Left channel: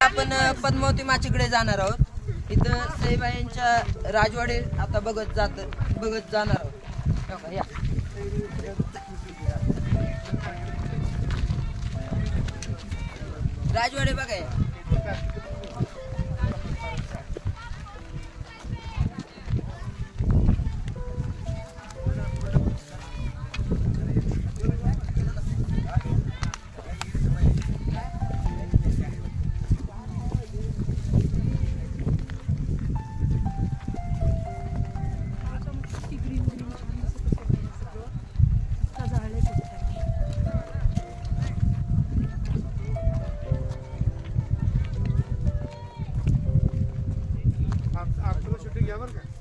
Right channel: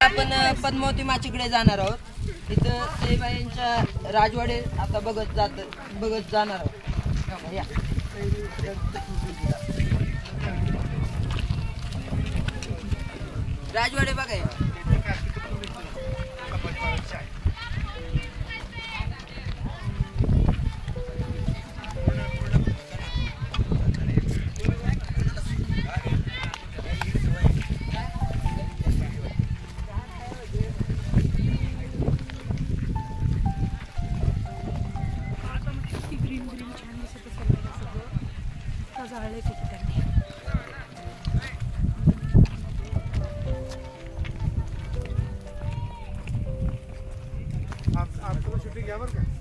आपण पद्मावती माचीकडे जाणार आहोत। इथं सईबाईंच्या राजवाडे आता बघत जाणार आहोत। या राजवाडे बघा।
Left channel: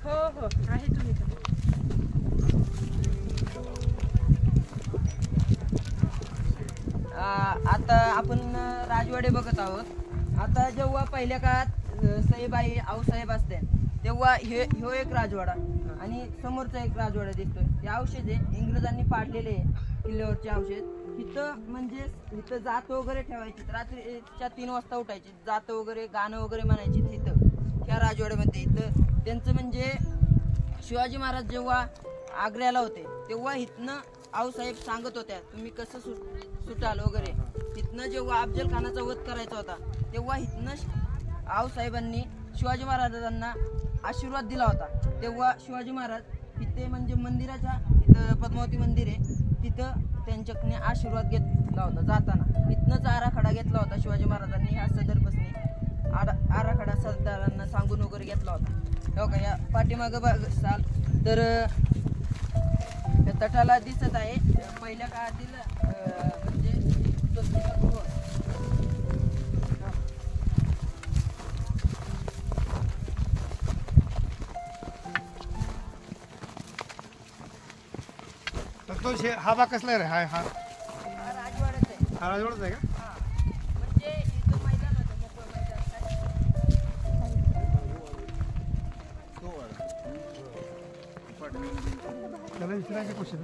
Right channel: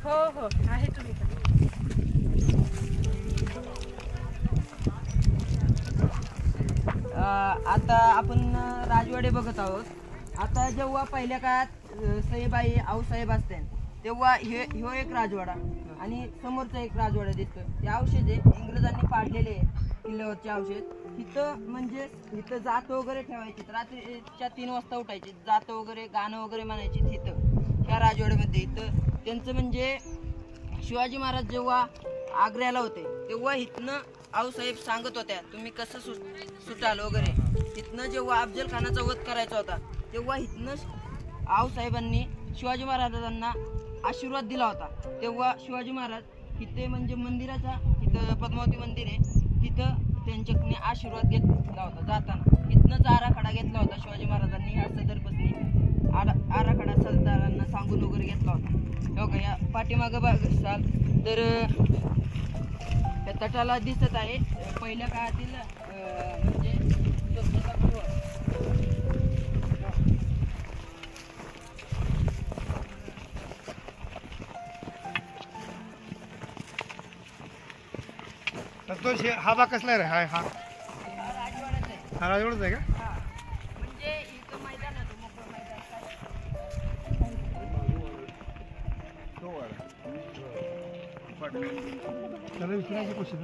हो आहे तुम्ही आता आपण राजवाडे बघत आहोत। आता जेव्हा पहिल्या काळात सईबाई आऊसाहेब असते तेव्हा ह्यो एक राजवाडा आणि समोरचा एक राजवाडा दिसतोय। हे औषध आहे, इंग्रजांनी पाडलेले किल्ल्यावरचे औषध। इथं म्हणजे इथं जात वगैरे ठेवायची, रात्रीच्या 3 वाजता उठायची, जात वगैरे गाणं वगैरे म्हणायची तिथं ह्या राजवाड्यामध्ये। इथं त्यांचं म्हणजे शिवाजी महाराज जेव्हा आग्र्याला होते तेव्हा इथनं आऊसाहेब सांगत होत्या तुम्ही कसं सुटाल वगैरे। इथनं जेव्हा अफजल खानाचा वध करायचा होता तेव्हा इथनं आऊसाहेबांनी शिवाजी महाराजांना आशीर्वाद दिला होता। तेव्हा शिवाजी महाराज इथे म्हणजे मंदिराचा इथं पद्मावती मंदिर आहे तिथं त्यांच्याकडे आशीर्वाद घेतला होता जाताना। इथनंच आराखडा घेतला होता शिवाजी महाराजांनी। ह्या सदरपासून आराखडा सरदारांना सांगून वगैरे घेतला होता। हो का, या पाठीमागं बघाल तर तटाला दिसत आहे पहिल्या काळातील म्हणजे हा भाग कसला रे? हा हा राजवाड्याचा आहे। राजवाडाच आहे का? म्हणजे इथं मैदान होतं मोकळं मैदान। त्याला विचारायची क्वेश्चन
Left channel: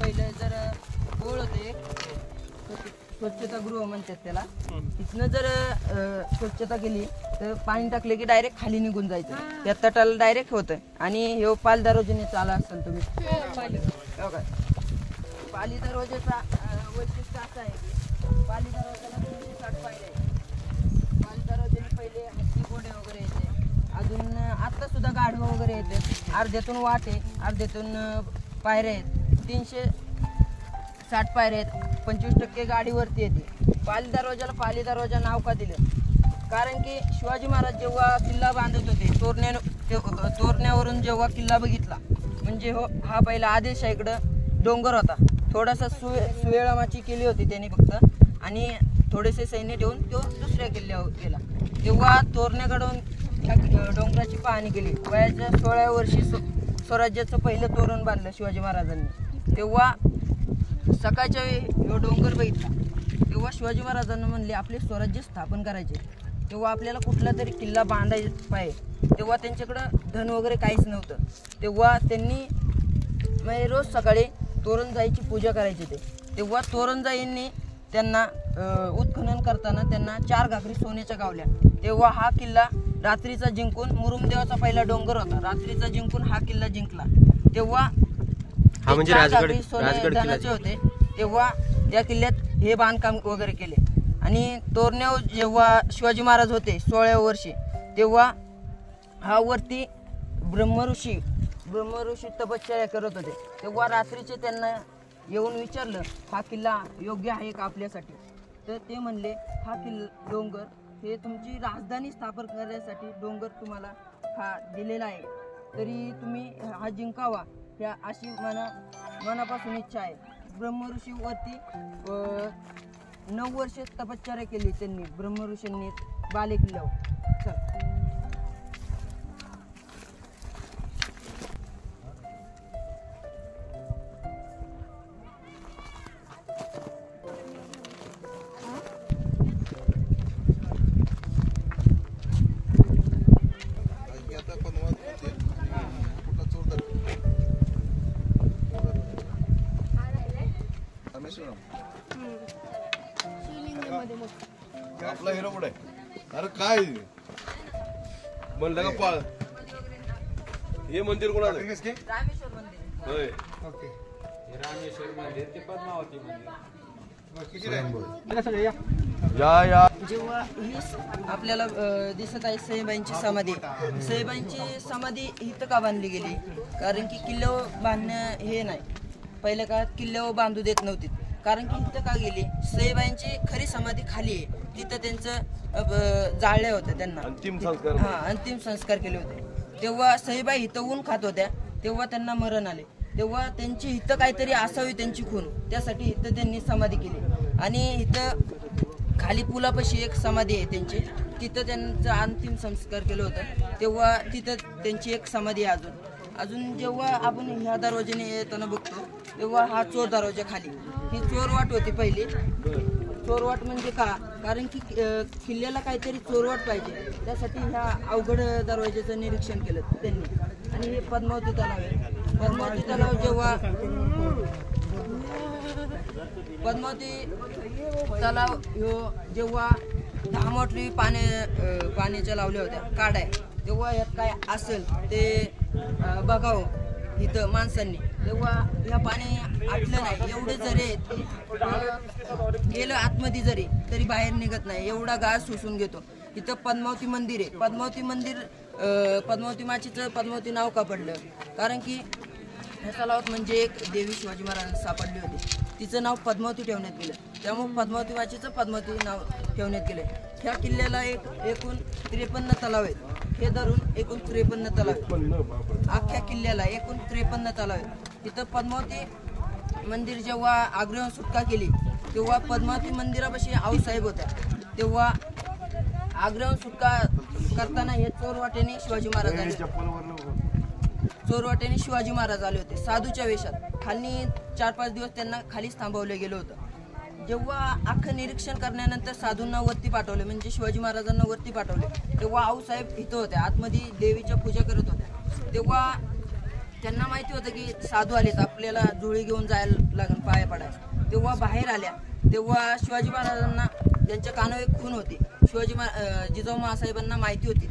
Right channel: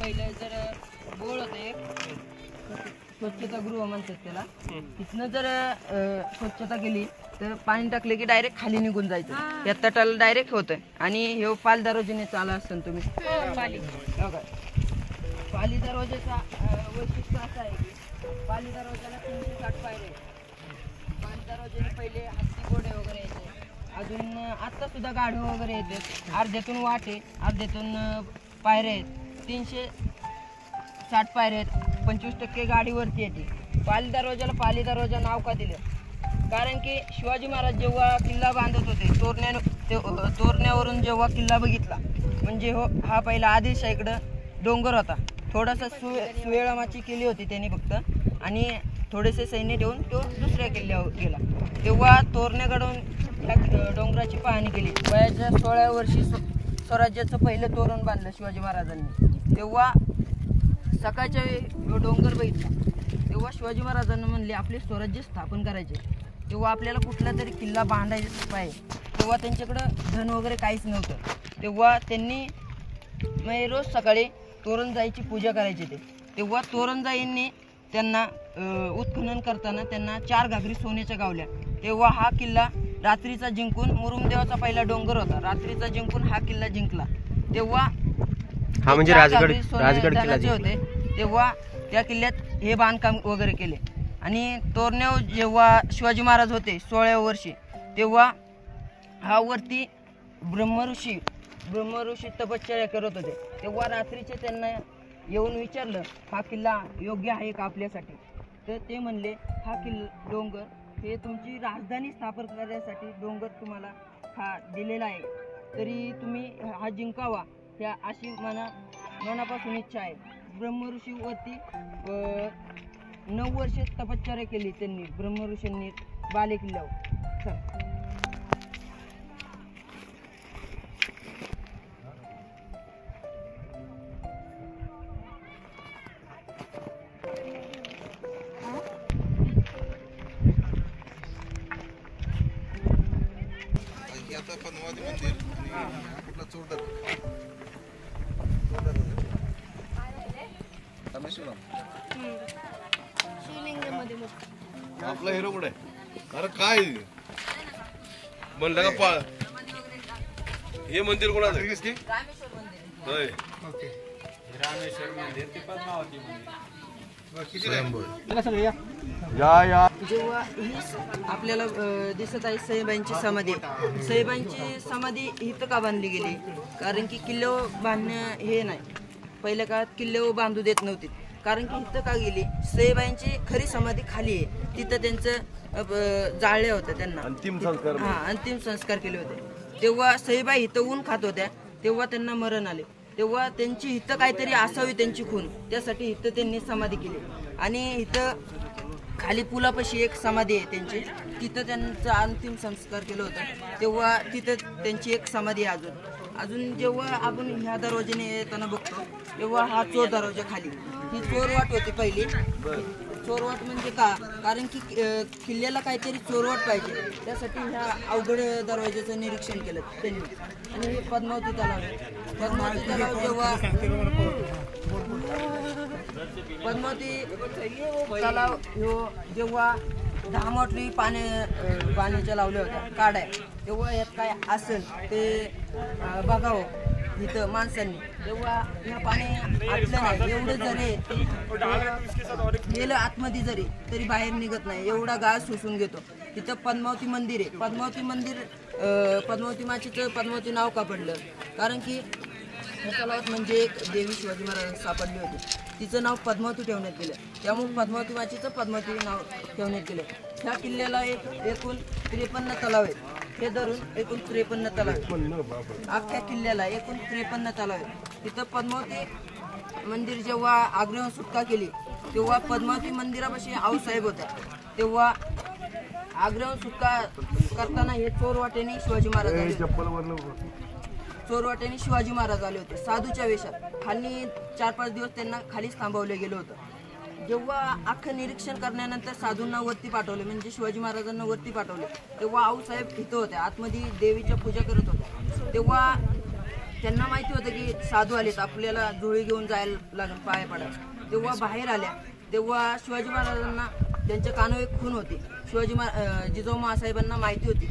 पहिलं जर गोळ होते स्वच्छता गृह म्हणतात त्याला। इथनं जर स्वच्छता केली तर पाणी टाकले की डायरेक्ट खाली निघून जायचं, त्या तटाला डायरेक्ट होतं। आणि हे पाल दरवाजेने चाला असतं तुम्ही पाली दरवाजाचा वैशिष्ट्य असं आहे की पाली दरवाजाला 360 पायऱ्या आहेत। पाली दरवाजाने पहिले हत्ती घोडे वगैरे यायचे, अजून आत्ता सुद्धा गाढवं वगैरे येते। अर्ध्यातून वाट आहे, अर्ध्यातून पायऱ्या आहेत। 360 पायऱ्या आहेत, 25% गाडीवरती येते। पाली दरवाजाला पाली दरवाजा नाव का दिलं? कारण की शिवाजी महाराज जेव्हा किल्ला बांधत होते तोरण्यावरून जेव्हा किल्ला बघितला म्हणजे हा पहिला आदिलशाहीकडं डोंगर होता, थोडासा सुवेळामाची केली होती त्यांनी फक्त, आणि थोडेसे सैन्य ठेवून तो दुसऱ्या किल्ल्यावर गेला। तेव्हा तोरण्याकडून त्या डोंगराची पाहणी केली। वयाच्या 16व्या वर्षी स्वराज्याचं पहिलं तोरण बांधलं शिवाजी महाराजांनी। तेव्हा सकाळच्या वेळी डोंगर बघितला तेव्हा शिवाजी महाराजांना म्हणले आपले स्वराज्य स्थापन करायचे, तेव्हा आपल्याला कुठला तरी किल्ला बांधायचा पाहिजे। तेव्हा त्यांच्याकडं धन वगैरे काहीच नव्हतं। तेव्हा त्यांनी रोज सकाळी तोरणजाईची पूजा करायची तेव्हा तोरणजाईंनी त्यांना उत्खनन करताना त्यांना 4 घागरी सोन्याच्या गावल्या। तेव्हा हा किल्ला रात्रीचा जिंकून, मुरुमदेवाचा पहिला डोंगर होता, रात्रीचा जिंकून हा किल्ला जिंकला। तेव्हा हा म्हणजे राजगड होते तेव्हा त्या किल्ल्यात हे बांधकाम वगैरे केले। आणि तोरण्यावर जेव्हा शिवाजी महाराज होते 16व्या वर्षी तेव्हा हा वरती ब्रह्मऋषी तपश्चर्या करत होते। तेव्हा रात्रीचे त्यांना येऊन विचारलं हा किल्ला योग्य आहे का आपल्यासाठी? तर ते म्हणले हा किल्ला डोंगर हे तुमची राजधानी स्थापन करण्यासाठी डोंगर तुम्हाला हा दिलेला आहे, तरी तुम्ही हा जिंकावा ह्या अशी मनापासून इच्छा आहे। ब्रह्मऋषी वरती 9 वर्षे तपश्चर्या केली त्यांनी ब्रह्मऋषींनी बाले किल्ल्यावर। चल शिवलिंगमध्ये आपला हिरो कुठे अरे काय म्हणलं का पाळ हे मंदिर कोणाचं आहे? रामेश्वर मंदिर होय ओके रामेश्वर मंदिर ते पद्मावती मंदिर जेव्हा ही आपल्याला दिसत आहे सईबाईंची समाधी. सईबाईंची समाधी इथं का बांधली गेली? कारण की किल्ल्यावर बांधणं हे नाही, पहिल्या काळात किल्ल्यावर बांधू देत नव्हते. कारण की इथं का गेली? सईबाईंची खरी समाधी खाली आहे, तिथं त्यांचं जाळले होतं त्यांना, अंतिम संस्कार अंतिम संस्कार केले होते. तेव्हा सईबाई इथं ऊन खात होत्या, तेव्हा त्यांना मरण आले. तेव्हा त्यांची इथं काहीतरी असावी त्यांची खून, त्यासाठी इथं त्यांनी समाधी केली. आणि इथं खाली पुलापाशी एक समाधी आहे त्यांची, तिथं त्यांचा अंतिम संस्कार केलं होतं. तेव्हा तिथं त्यांची एक समाधी आहे अजून जेव्हा आपण ह्या दरवाजाने येताना बघतो तेव्हा हा चोर दरवाजा खाली, ही चोरवाट होती पहिली. चोरवाट म्हणजे का? कारण की किल्ल्याला काहीतरी चोरवाट पाहिजे, त्यासाठी ह्या अवघड दरवाजाचं निरीक्षण केलं त्यांनी. आणि हे पद्मावती तलाव, पद्मावती तलाव जेव्हा पद्मावती तलाव ह्यो जेव्हा 10 मोठी पाण्याच्या लावल्या होत्या काड्या, तेव्हा यात काय असेल ते बघावं इथं माणसांनी. तेव्हा ह्या पाणी आटलं नाही, एवढं जरी गेलं आतमध्ये जरी तरी बाहेर निघत नाही, एवढा गाळ शोषून घेतो. इथं पद्मावती मंदिर आहे. पद्मावती मंदिर पद्मावती माचीचं पद्मावती नाव का पडलं? कारण की ह्या तलावात म्हणजे एक देवी शिवाजी महाराज सापडली होती, तिचं नाव पद्मावती ठेवण्यात गेलं, त्यामुळे पद्मावती माचीचं पद्मावती नाव ठेवण्यात गेलं. ह्या किल्ल्याला एकूण 53 तलाव आहेत, हे धरून एकूण 53 तलाव आहेत. अख्ख्या किल्ल्याला एकूण 53 तलाव आहेत. तिथं पद्मावती मंदिर जेव्हा आग्र्याहून सुटका केली तेव्हा पद्मावती मंदिरापाशी आऊसाहेब होता. तेव्हा आग्र्याहून सुटका करताना हे चोरवाटेने शिवाजी महाराज आले, चोरवाटेने शिवाजी महाराज आले होते साधूच्या वेशात. खाली 4-5 दिवस त्यांना खालीच थांबवलं गेलं होतं. जेव्हा अख्खं निरीक्षण करण्यानंतर साधूंना वरती पाठवले, म्हणजे शिवाजी महाराजांना वरती पाठवले, तेव्हा आऊसाहेब इथं होत्या, आतमध्ये देवीच्या पूजा करत होत्या. तेव्हा त्यांना माहिती होतं की साधू आलेत, आपल्याला जुळी घेऊन जायला लागेल पाया पडायला. तेव्हा बाहेर आल्या, तेव्हा शिवाजी महाराजांना त्यांच्या कानावर एक खून होती, जिजाऊ महासाहेबांना माहिती होती.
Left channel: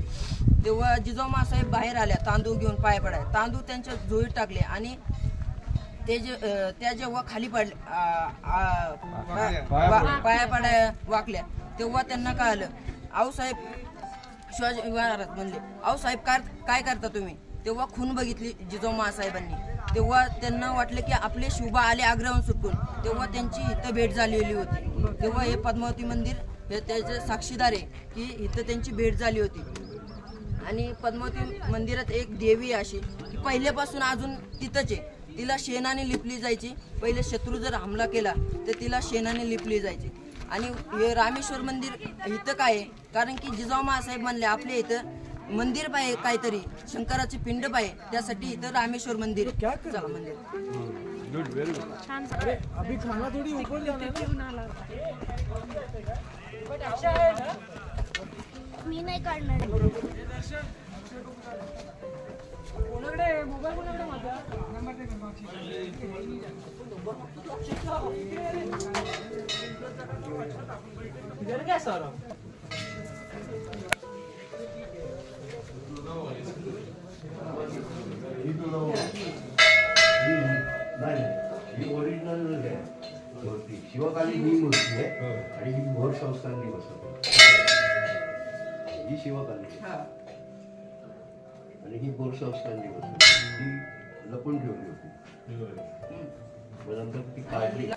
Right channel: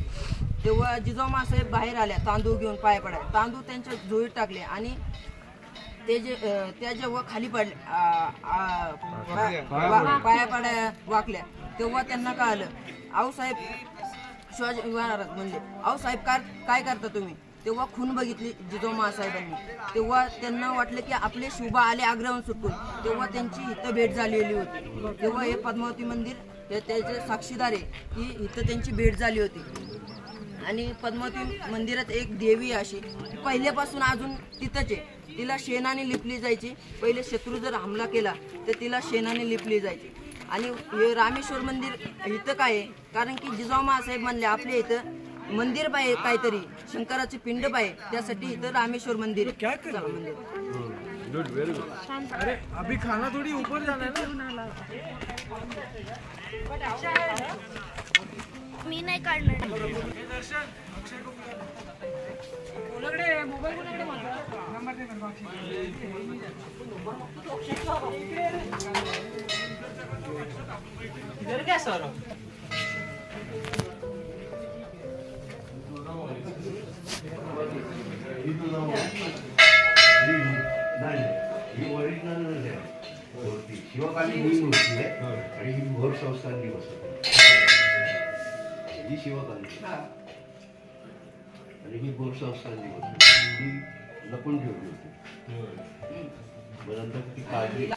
तेव्हा जिजाऊ महासाहेब बाहेर आल्या तांदूळ घेऊन पाया पडायला. तांदूळ त्यांच्या झोळीत टाकले आणि त्या जेव्हा खाली पडले पाया पडाय वाकल्या, तेव्हा त्यांना कळालं. आऊसाहेब शिवाजी महाराज म्हणले, आऊसाहेब काय करता तुम्ही? तेव्हा खून बघितली जिजाऊ महासाहेबांनी. तेव्हा त्यांना वाटलं की आपले शिवबा आले आग्र्याहून सुटून, तेव्हा त्यांची इथं भेट झालेली होती. तेव्हा हे पद्मावती मंदिर त्याचे साक्षीदार आहे की इथं त्यांची भेट झाली होती. आणि पद्मावती मंदिरात एक देवी अशी पहिल्यापासून अजून तिथंच आहे, तिला शेणाने लिपली जायची. पहिले शत्रू जर हमला केला तर तिला शेणाने लिपली जायची. आणि हे रामेश्वर मंदिर इथं काय आहे? कारण की जिजाऊ महासाहेब म्हणले आपल्या इथं मंदिर पाहिजे, काहीतरी शंकराची पिंड पाहिजे, त्यासाठी इथं रामेश्वर मंदिर चला मंदिर. अभी खाना थोड़ी ऊपर जाना है ना. मी नाही काढणार. ही ओरिजिनल आहे मूर्ती, शिवकालीन मूर्ती आहे आणि ही भोर संस्थांनी बसवली. ही शिवकालीन आणि ही भोर संस्थांनी बसवली, ही लपून ठेवली होती. मग नंतर ती काढली.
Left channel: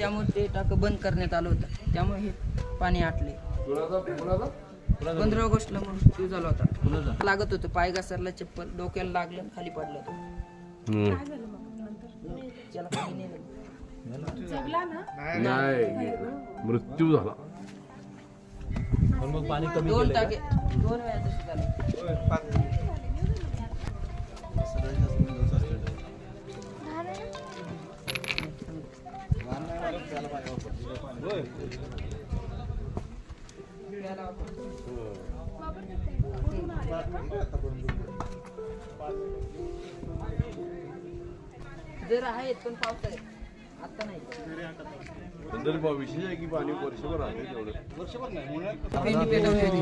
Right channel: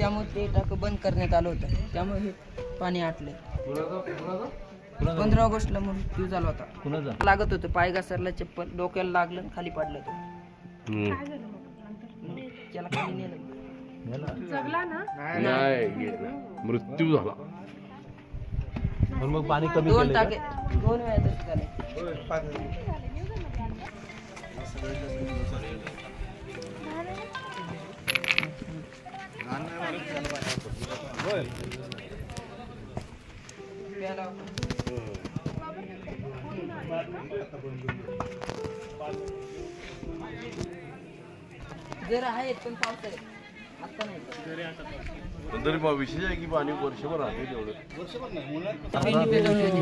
त्यामुळे ते टाकं बंद करण्यात आलं होतं, त्यामुळे हे पाणी आटले. 15 ऑगस्टला मृत्यू झाला होता. लागत होतं, पाय घसरला, चप्पल डोक्याला लागलं, खाली पडलं होतं. त्याला खाली नेलं. नाही, मृत्यू झाला. मग पाणी कमी 2 टाके 2 वेळा तसे झाले. जर आहेत पण पावसाळ्यात आता नाही. पण तरी मग विशेष आहे की पाणी वर्षभर आहे तेवढं. पेंडी पेटवली होती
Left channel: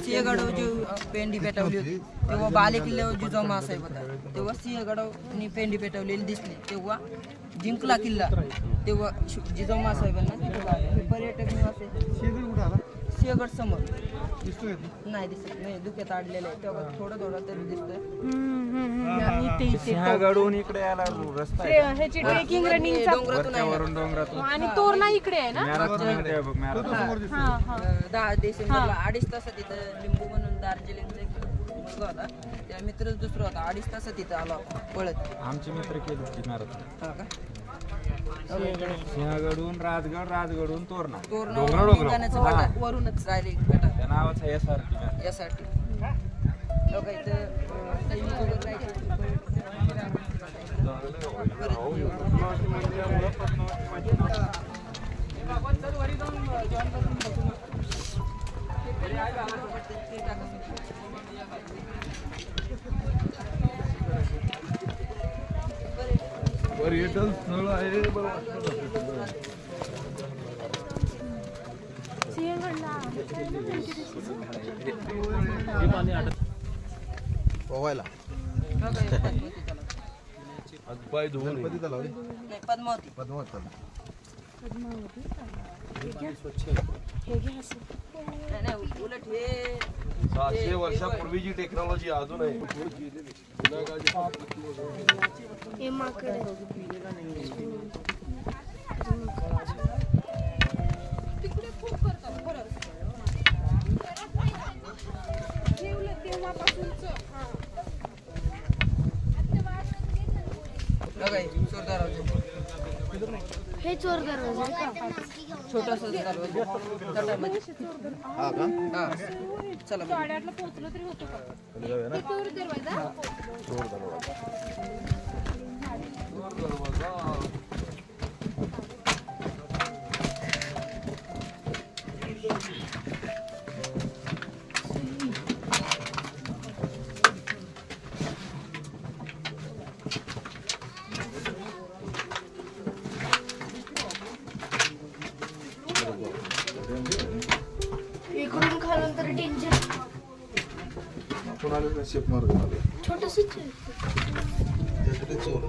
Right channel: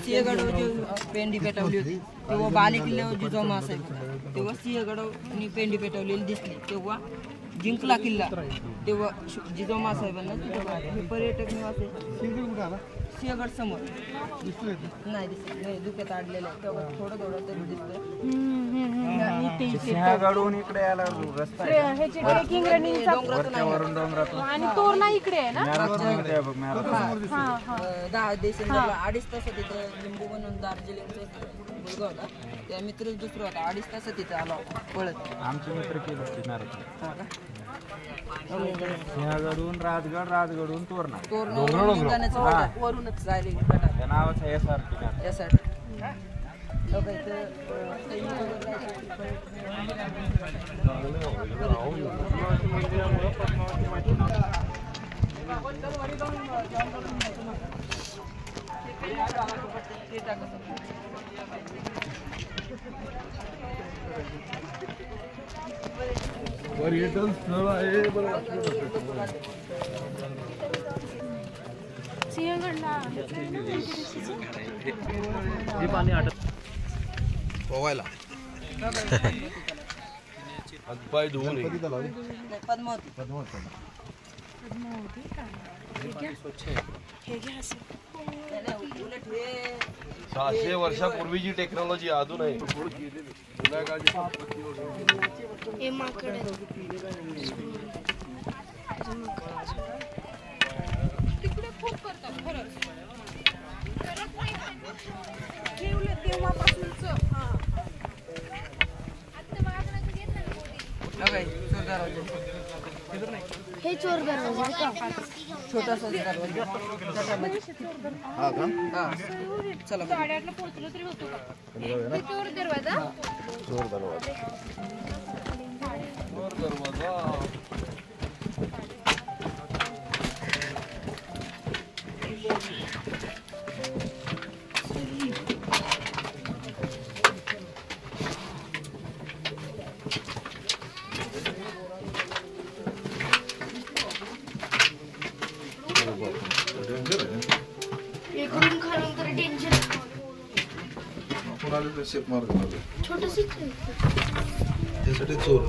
सिंहगडावर जी पेंडी पेटवली होती तेव्हा बाले किल्ल्यावर जिजाऊ साहेब होता, तेव्हा सिंहगडावनी पेंडी पेटवलेली दिसली, तेव्हा जिंकला किल्ला, तेव्हा जिजाऊ साहेबांना तिथे पाहिलं. पर्यटक निवास आहे सिंहगड समोर. नाही दिसत नाही, धुक्यात अडलेलं आहे, तेव्हा थोडं थोडं तरी दिसतंय. सिंहगडहून इकडे यायला रस्ता आहे. ह्याची ट्रेकिंग रनिंग डोंगरातून आहे ना. डोंगरातून आणि तोरणा इकडे आहे ना. 10 डिसेंबरला 2.5 तासात तिथं लिंबू म्हणून दार्जिलिंगचा एक मुलगा होता, त्या मित्रच दुसरा होता, 2.5 तासात तिथं आला होता पळत. आमचे मित्र केले किनारे. हा का? सिंहगडहून राजगड, राजगडहून तोरणा. तोरणा गाण्याचं वाटा वरूनच राहिले त्या नावाचा SR किनारा. यासाठी बघा इथं सैनिक वगैरे जायचे. पर्यटन स्थळ आहे पोवायला हातपाय धुवून ये. पद्मावती. नाही, उलट हे 600 वर्षापूर्वीची टेक्नॉलॉजी अजून आहे. हे माकड आहे. तिकडे खूप करतात खरंच. ठेवलं तेव्हापासूनच. हे चोर दरवाजा छोटासा दरवाजा. चला 8:30ला पोहोचलो तरी होतो का? हे चोर दरवाजा. इकडून खालून तरी टेन्शन. आपण आले शेप मार करणार छोटंसंच त्यासाठी चोर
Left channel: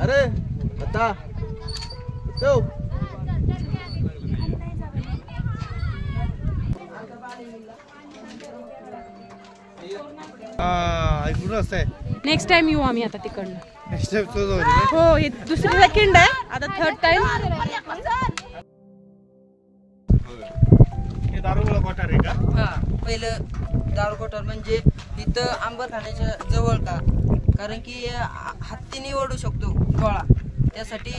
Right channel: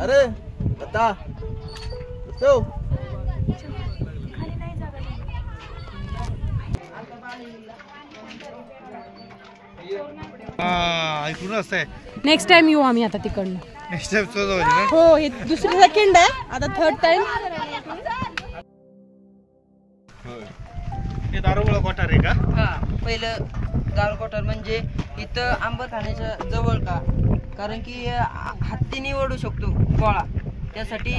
अरे आता ठेव. ऐकून असतंय. नेक्स्ट टाइम येऊ आम्ही आता तिकडनं. नेक्स्ट टाइम तो जाऊ ना. हो, हे दुसरं सेकंड आहे, आता थर्ड टाइम. हे दारुगोळा कोठार आहे का? हा, पहिलं दारू कोठार म्हणजे इथं आंबरखान्याच्या जवळ का, कारण की हत्तीने ओढू शकतो गोळा, त्यासाठी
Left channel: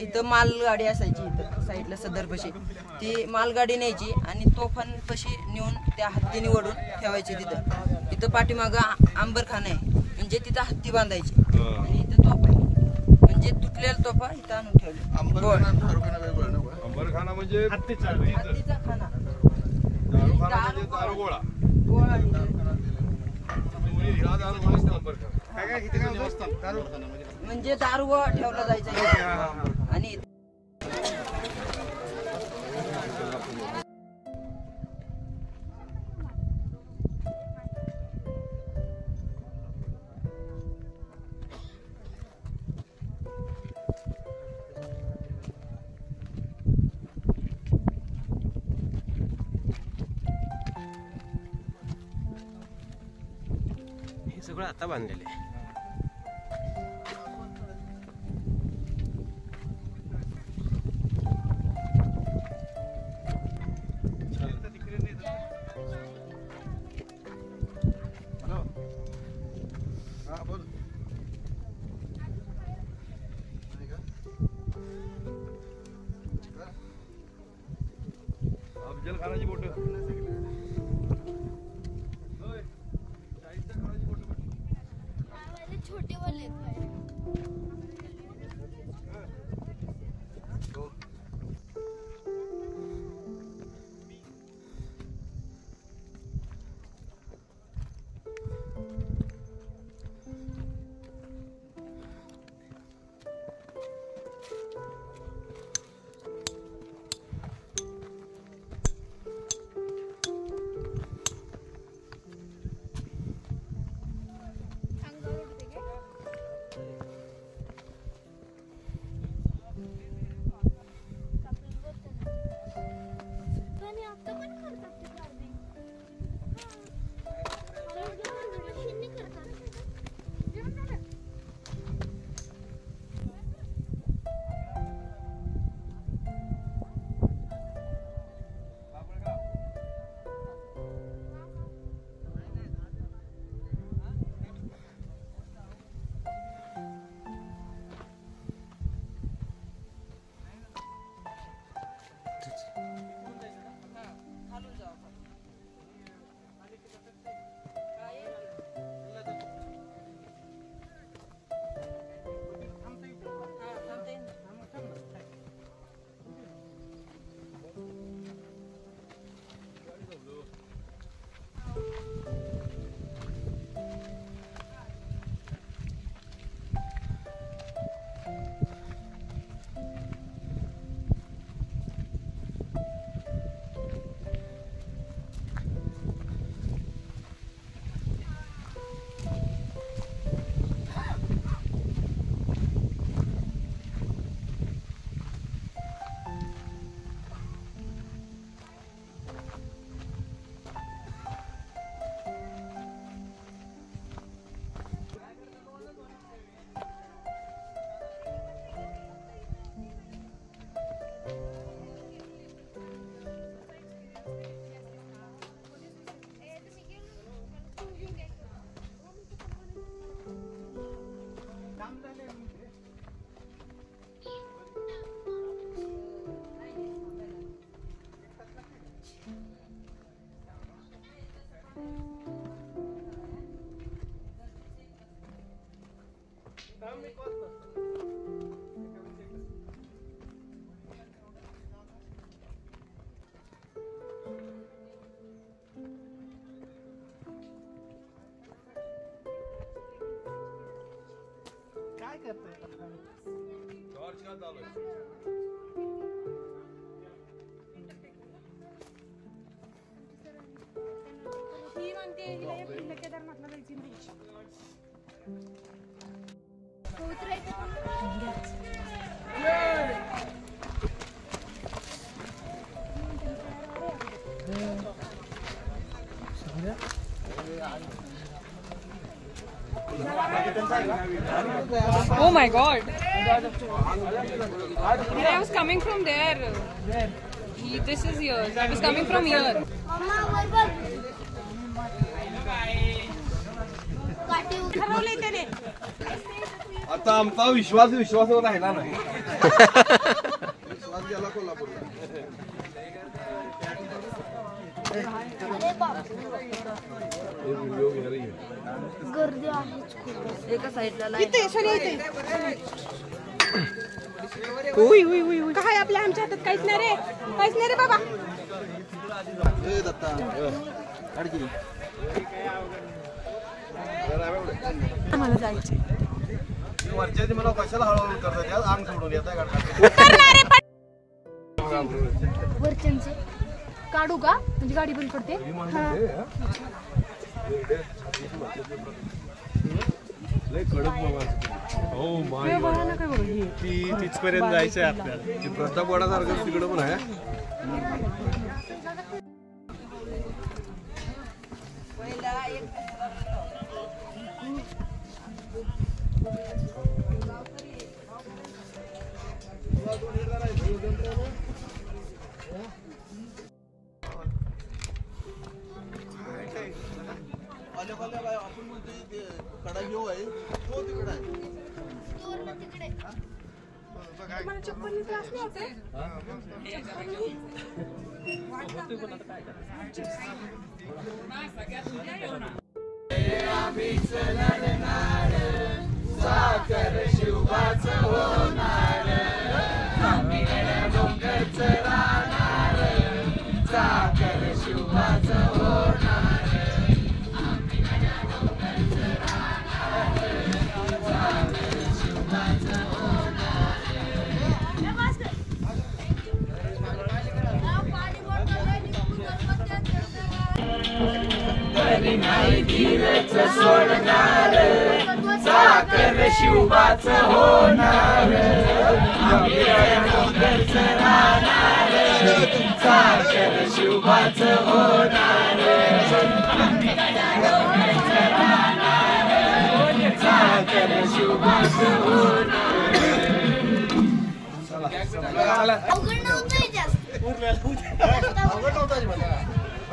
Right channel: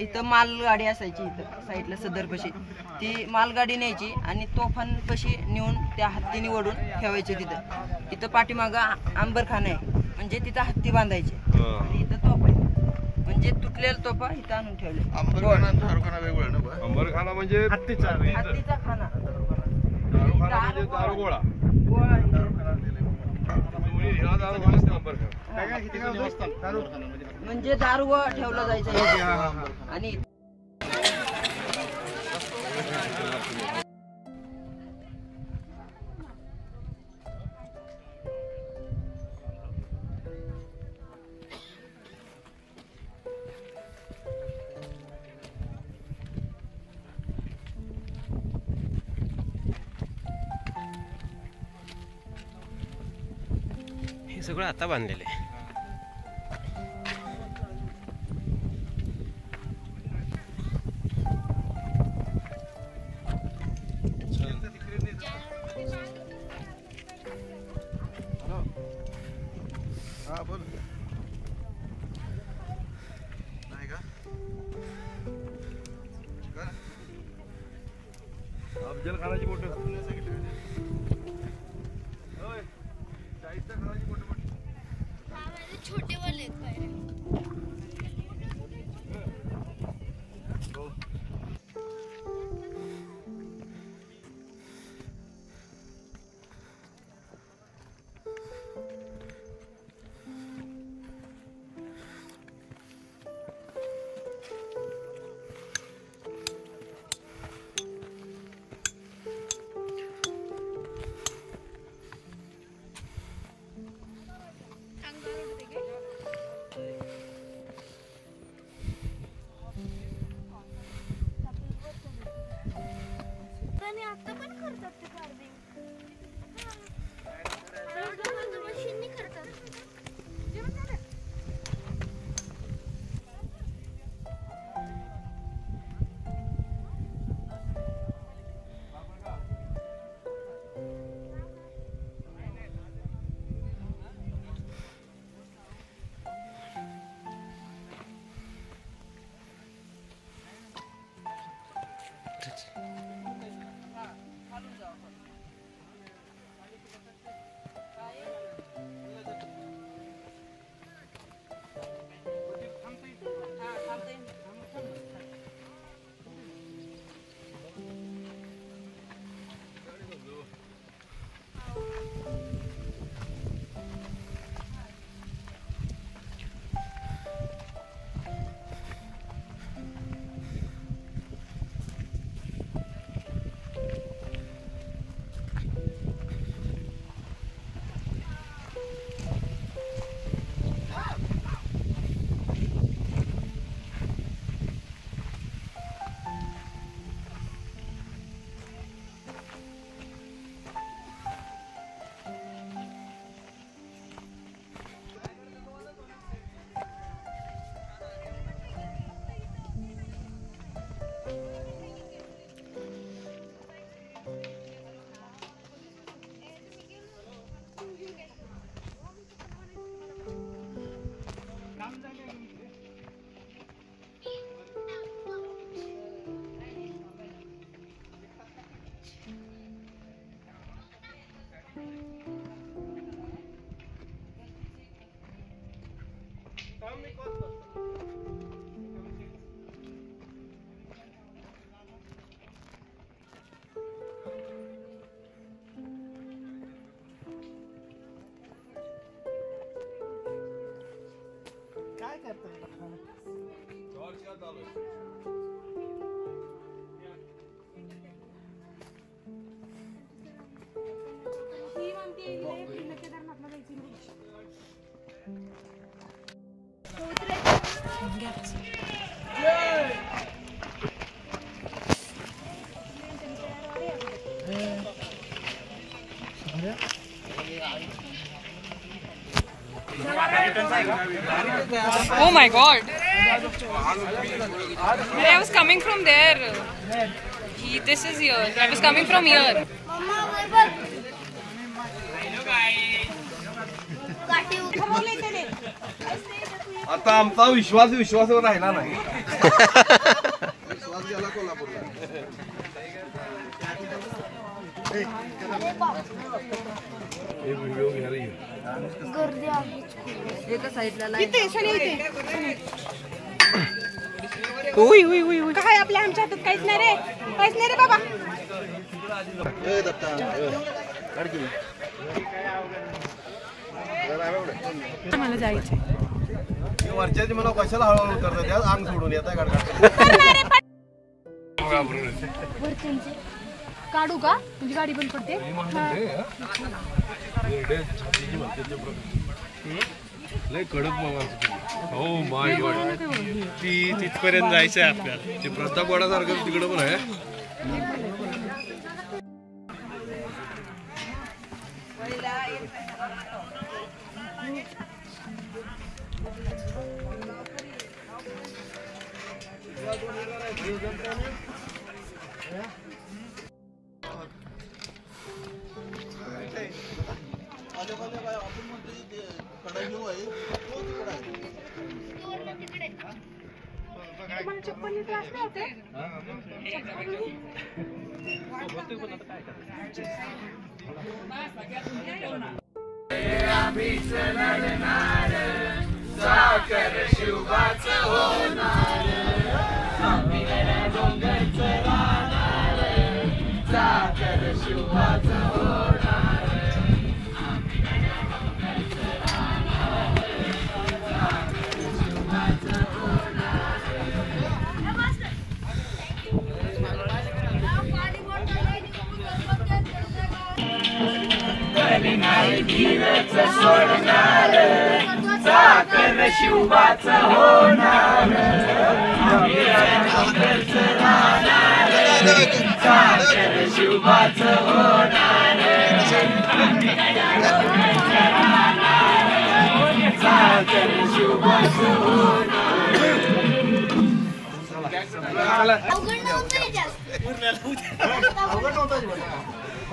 इथं मालगाडी असायची. इथं साईडला सदरपाशी ती मालगाडी न्यायची आणि तोफांपाशी नेऊन त्या हत्तीने ओढून ठेवायचे. इथं पाठीमागं आंबरखाना आहे, म्हणजे तिथं हत्ती बांधायची. आणि इथं तोफ आहे, म्हणजे तुटलेल्या तोफा इथं आणून ठेवले. अंबरखाना म्हणजे हत्तीचा खाना, दारुगोळा. गोळा. म्हणजे दारू ठेवला जायचा. आणि सगळं आता बांधलेलं आहे. छोटे वाले आता पण करतात ते फार्मिंग. मशीननी करतात. Oh my God! I was coming from there. This is here. I was coming from here. आता आमचा विश्वासावर राहिला नाही. विश्वास गेला कोल्हापूरला. गर्दी आहे. एका साईडला काय आपल्या आमच्या हातात काहीच नाही रे. काहीच नाही रे बाबा. मला जायचंय. वरच्या मला कशाला हळूहळू करतात अंग सोडून येतात वरच्यांचं काढू का म्हणजे गाडी बंद पडते. कडक हो माय गॉड तिथपर्यंत जायचंय आपल्याला. ते प्रतापवाडासारखं तिकडं पण आहे.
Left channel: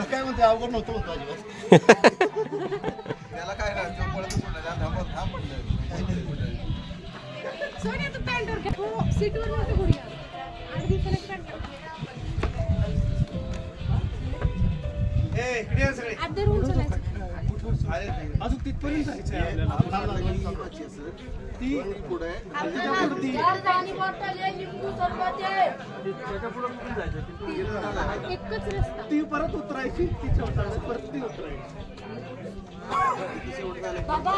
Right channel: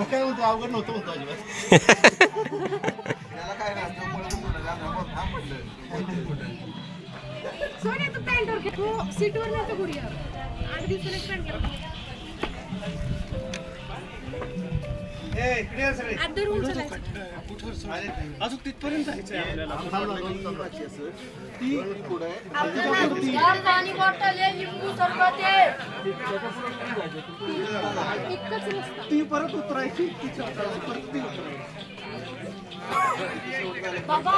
काय म्हणते अवघड नव्हतं म्हणतो अजिबात त्याला काय नाही सोनी तू पॅन्टवर घे हो सीटवर नव्हतं गुडिया 8 दिवसाला एक पॅन्ट आदर उंच अजून तिथपर्यंत जायचंय ती पुढे पाणी बॉटल आहे लिंबू सरबत आहे एकच रस्ता ती परत उतरायची बाबा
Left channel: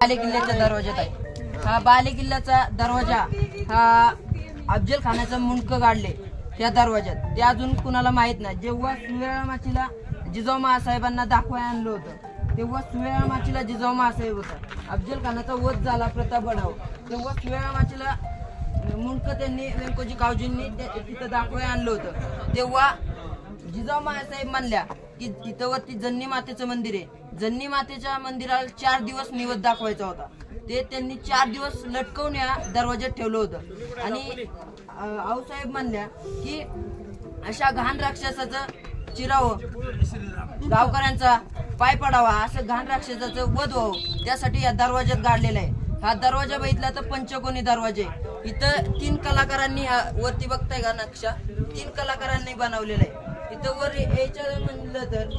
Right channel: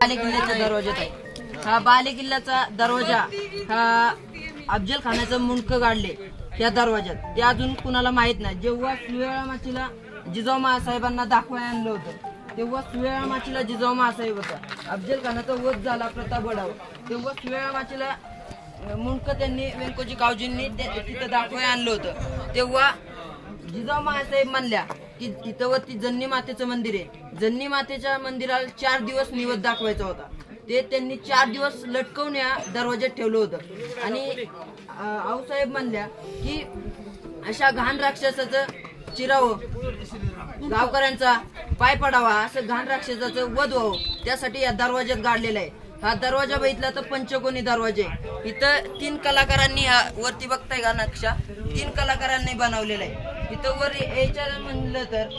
बाले किल्ल्याचा दरवाजा आहे. हा बाले किल्ल्याचा दरवाजा हा अफजल खानाचं मुंडकं गाडले त्या दरवाज्यात. ते अजून कुणाला माहित नाही. जेव्हा सुवेळा माचीला जिजाऊ महासाहेबांना दाखवायला आणलं होतं तेव्हा सुवेळा माचीला जिजाऊ महासाहेब होता. अफजल खानाचा वध झाला प्रतापगडावर तेव्हा सुवेळा माचीला मुंडकं त्यांनी व्यंकोजी कावजींनी तिथं दाखवायला आणलं होतं. तेव्हा जिजाऊ महासाहेब म्हणल्या की तिथं वरती जन्नी मातेचं मंदिर आहे. जन्नी मातेच्या मंदिराला 4 दिवस निवद दाखवायचा होता. ते त्यांनी 4 दिवस लटकवून या दरवाज्यात ठेवलं होतं. आणि आऊसाहेब म्हणल्या की अशा घाण राक्षसाचं चिरावं, गावकऱ्यांचा पाय पडावा, असं घाण राक्षसाचं वध व्हावं त्यासाठी या दरवाज्यात गाडलेला आहे. हा दरवाजा बघितला तर पंचकोनी दरवाजे. इथं 3 कलाकारांनी वरती बघताय का नक्षा, 3 कलाकारांनी बनवलेला आहे. इथं वर यायचं म्हणलं तर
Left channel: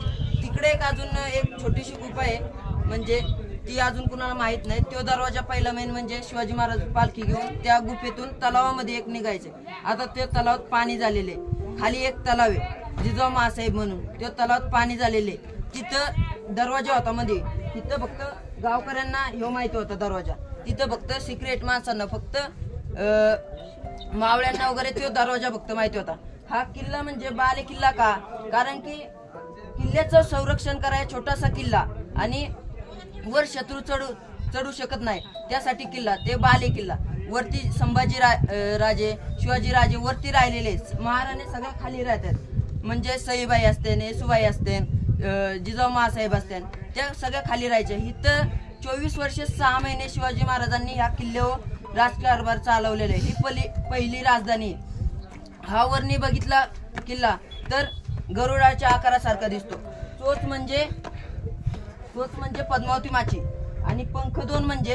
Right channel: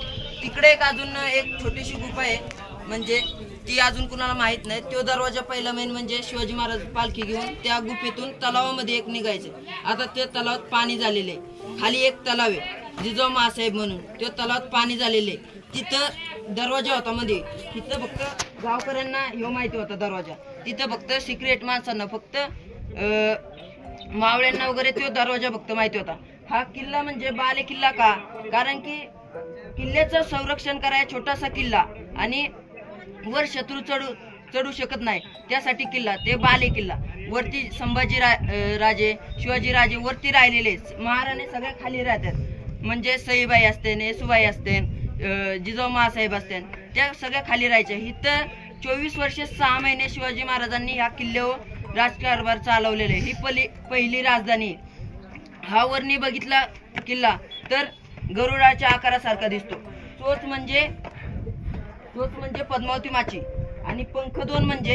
तिकडे एक अजून एक छोटीशी गुफा आहे, म्हणजे ती अजून कुणाला माहित नाही. तो दरवाजा पहिला मेन म्हणजे शिवाजी महाराज पालखी घेऊन त्या गुफेतून तलावामध्ये एक निघायचे. आता त्या तलावात पाणी झालेले, खाली एक तलाव आहे जिजाऊ महासाहेब म्हणून, त्या तलावात पाणी झालेले. तिथं दरवाजा होता मध्ये. तिथं फक्त गावकऱ्यांना ह्यो माहिती होता दरवाजा. तिथं फक्त सिक्रेट माणसांना, फक्त मावळ्यांना वगैरे तो दरवाजा फक्त माहिती होता. हा किल्ला म्हणजे बाले किल्ला का, कारण की किल्ल्याचं संरक्षण करायला छोटासा किल्ला आणि वर शत्रू चढू शकत नाही त्यासाठी किल्ला, ते बाले किल्ला. वरती संभाजी राजे, शिवाजी राजे वरती राहिलेले, महाराणे सगळ्या खाली राहतात. म्हणजे सईबाई असते, येसुबाई असते, जिजाऊ महासाहेब असते, त्या सगळ्या खाली राहायच्या. इथं 24 वर्षे 6 महिने शिवाजी महाराजांनी ह्या किल्ल्यावर राजकारभार चालवलेले. ही पहिली राजधानी. हा वरनी बघितला किल्ला तर गरुडाच्या आकारासारखा दिसतो. तोच म्हणजे पद्मावती माची. आणि पंख 2 म्हणजे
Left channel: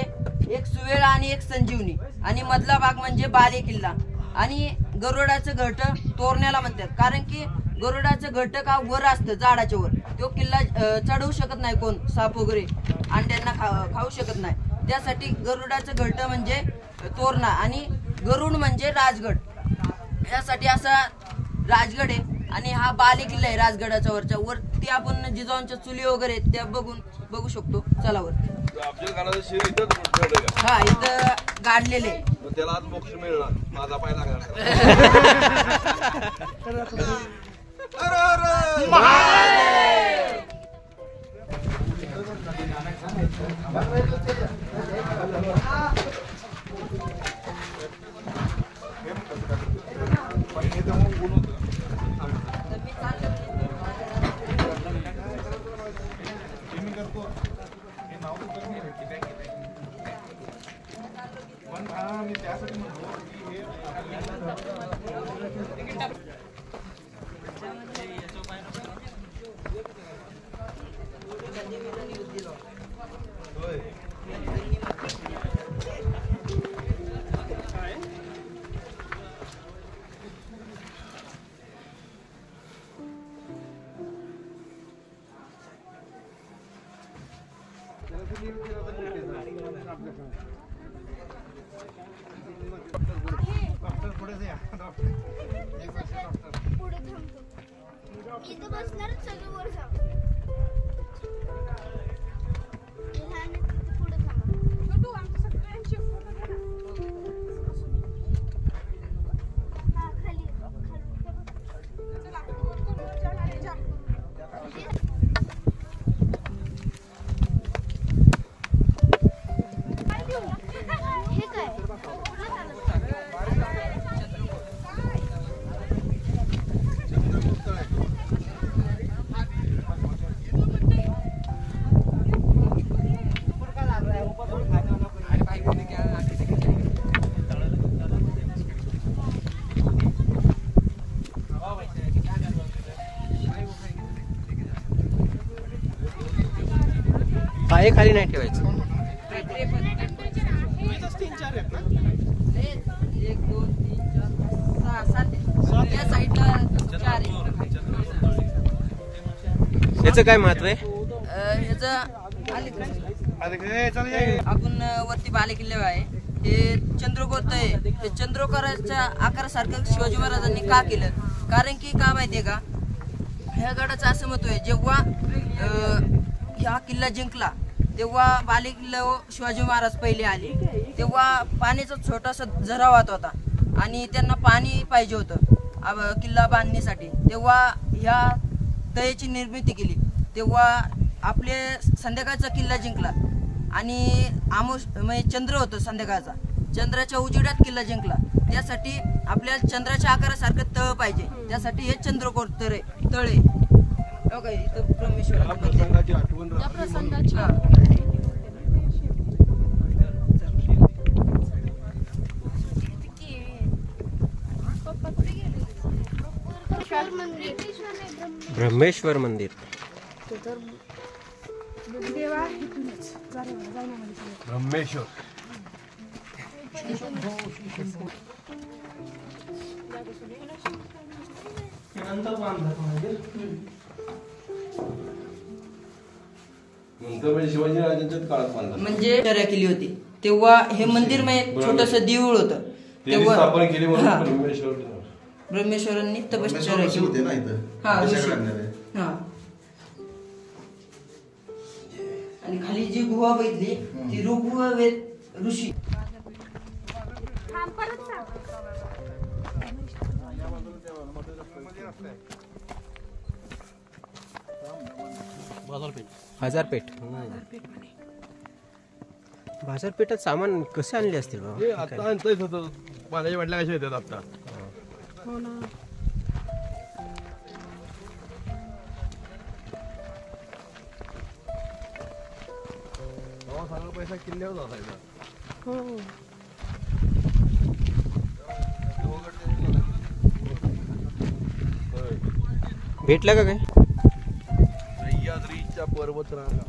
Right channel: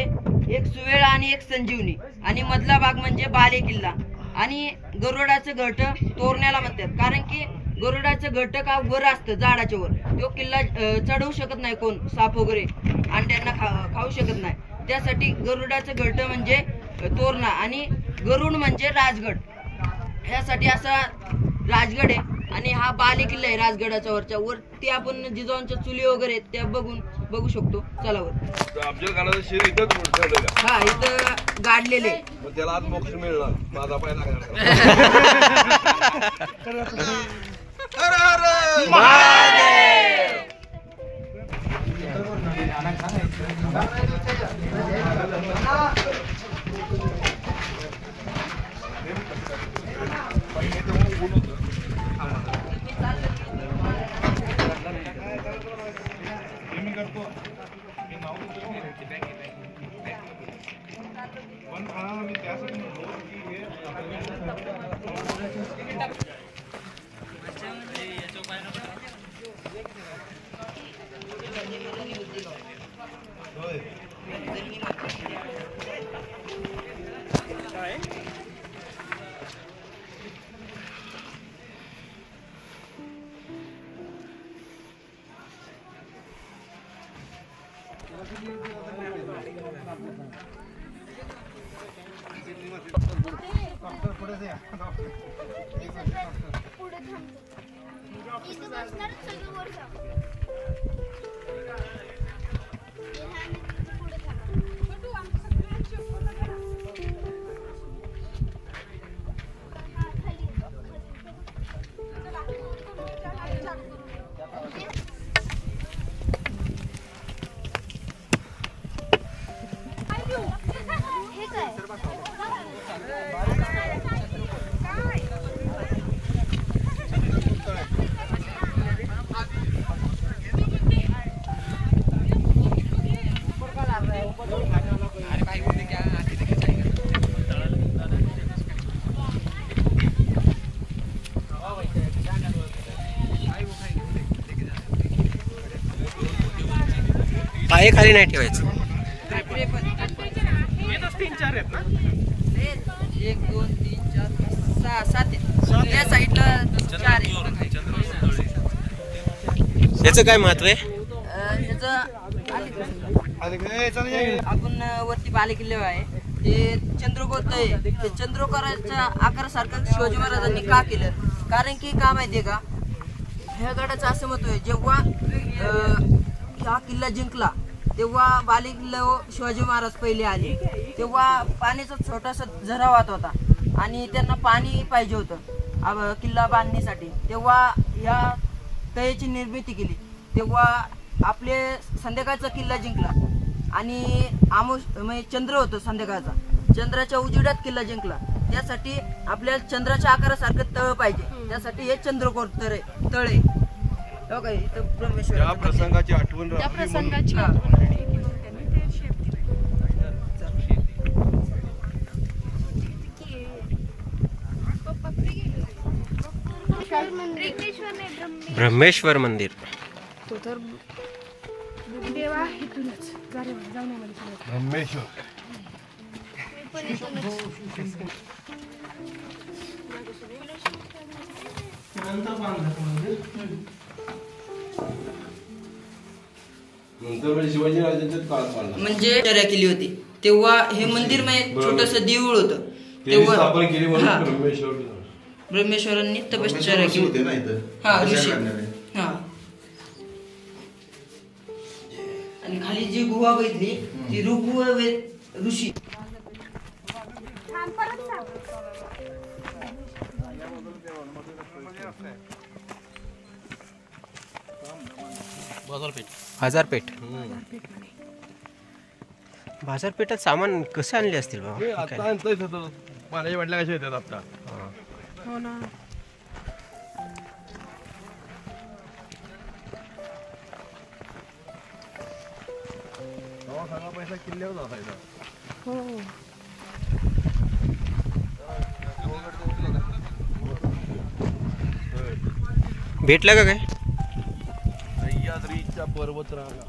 एक सुवेळा आणि एक संजीवनी. आणि मधला भाग म्हणजे बाले किल्ला. आणि गरुडाचं घरट तोरण्याला म्हणतात, कारण की गरुडाचं घरट का वर असतं झाडाच्या वर. तो किल्ला चढवू शकत नाही कोण, साप वगैरे अंड्यांना खाऊ शकत नाही. त्यासाठी गरुडाचं घरट म्हणजे तोरणा आणि गरुड म्हणजे राजगड. यासाठी असा राजगड आहे. आणि हा बाले किल्ला आहे राजगडाच्या वरच्या. वरती आपण जिजाऊंच्या चुली वगैरे त्या बघू शकतो. चला वर. अफजल खानाचं शिर इथं ठेवलेलं आहे. हा इथं गाडलेले. मग त्याला आज मोक्ष मिळणार, माझा पाय लागणार. पाय खाली नाही ठेवायचं. तीन चार आहेत ना. 1 2 3 4 5 6 7 आहेत. या साईडला 4 आहेत. याचं काय महत्व आहे? आपण वरती बालेकिल्ले आहे हे चंद्रकोर आहे. हे चंद्रकोराच्या आकारासारखं शिवाजी महाराजांनी का केलं? कारण की का माहितीये का, ह्या गडाचं असं महत्व आहे, जेव्हा हा किल्ला जिंकला तेव्हा बालेकिल्ल्यावर शिवाजी महाराज पहिले आले, तेव्हा पाण्याचा छोटासा झरा वाहत होता आणि त्यांना पाणी पाहिजे होतं किल्ला बांधण्यासाठी. तेव्हा ह्या तळ्याची निर्मिती केली. तेव्हा आपले संध्याकाळचा किल्ला जिंकला आणि म्हणजे चंद्र होतो संध्याकाळचा, चंद्राच्या उजेडात किल्ला जिंकला. त्यासाठी आपल्याला चंद्राच्या आकारासारखं तळ पाहिजे, त्यासाठी हे चंद्रकोर तळे. इथं ब्रह्मेश्वर त्या प्रसंगाची आठवण त्या राखली म्हणून. प्रसंगाची आठवण राहिली म्हणून ते शेप दिलंय. ब्रह्मेश्वर मंदिर. तो तर देवा इथूनच जाऊन आम्हाला ब्रह्मेश्वर. नंतर म्हणजे शिवाजी महाराजांच्या काळात बांधला. म्हणजे चर्या केली होती तेव्हा हे मंदिर म्हणजे छोटस देऊळ होतं. त्यांनी स्थापन केली म्हणून हा. ब्रह्मेश्वर. ब्रह्मेश्वरांनी तपश्चर्या ऋषी केली. होते ना इथं. हा, ऋषी. तशा करणारे. हा. आणि खाली जी गुहा बघितली ती ऋग्वेद ऋषी. बाजारपेठ. बाजारपेठात सामान कसे आणले असतील हे बाबा? आता आणतोय होतं. पाण्याच्या वाटल्या कशा येतात आपल्या. हो ना. सगळा पैसा किल्ल्यावर जाता. हो. भेटला का काय? सह्याद्रीच्या पर्वतरांगा.